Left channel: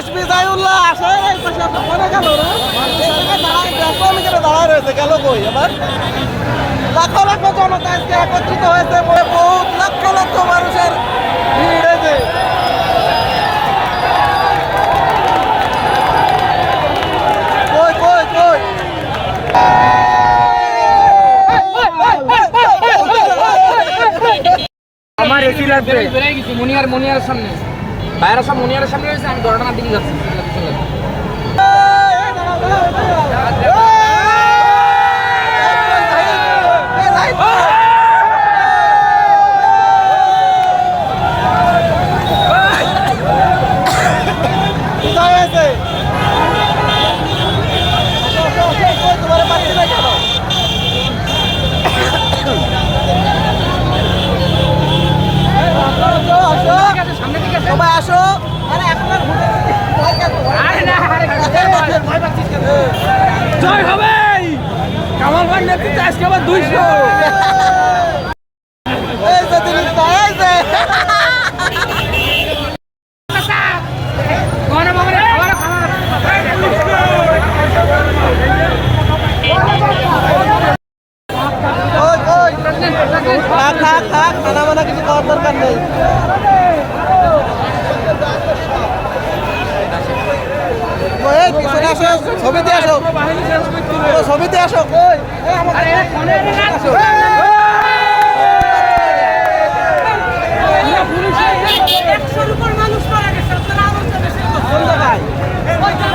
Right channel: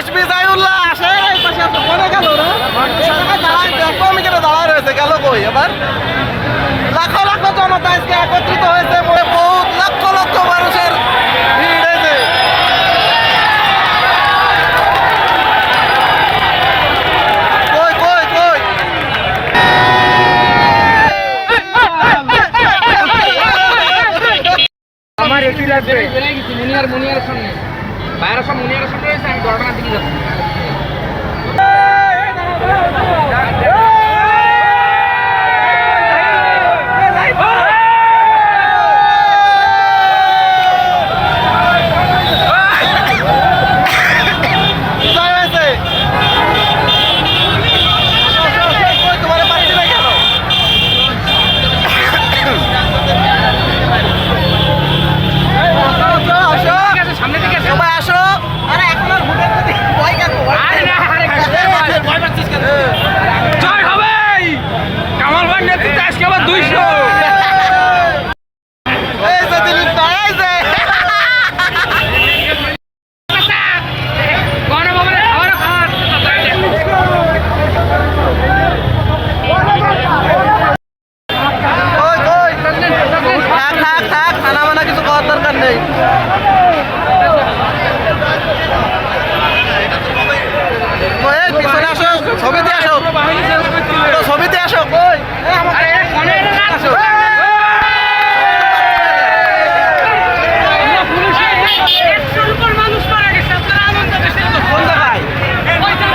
আসবি জাইউল্লাহ আসে, এই পাশে। কোনে গেল কেন দাঁড়ায় রয়েছে, গেল কই এবার? লাখো লাখো জনতা আজকে একত্রিত হয়েছে বহুত লক্ষ লক্ষ মানুষের ভিড় হয়েছে। আমার এসি লাগবে। মনিয়ার মনিয়ারের সামনে। বাইরে সব মুনিয়ারের সামনে রয়েছে আমি দরটার দিকে যাচ্ছি কোথায় হয়েছে আসো, আসো, আসো, কই তোমার পাচ্ছি না কেন এই, আসো, আসো, আসো। সবাই আসো আরে এখন আর ভোটের প্রতি ভয় কেন? ভয় কেন? জয় হবে কামাল ভাই নেতৃত্বে আজকে আবার দুইশো এই যে দিলীপ দা, এই যে। ওই, ওই। থাক, থাক, থাক, খানা বানা কিছু করার দরকার নেই। পিছনে আসো ছবিতে আসো। ছবিতে আসো। কই আমাদের আসো।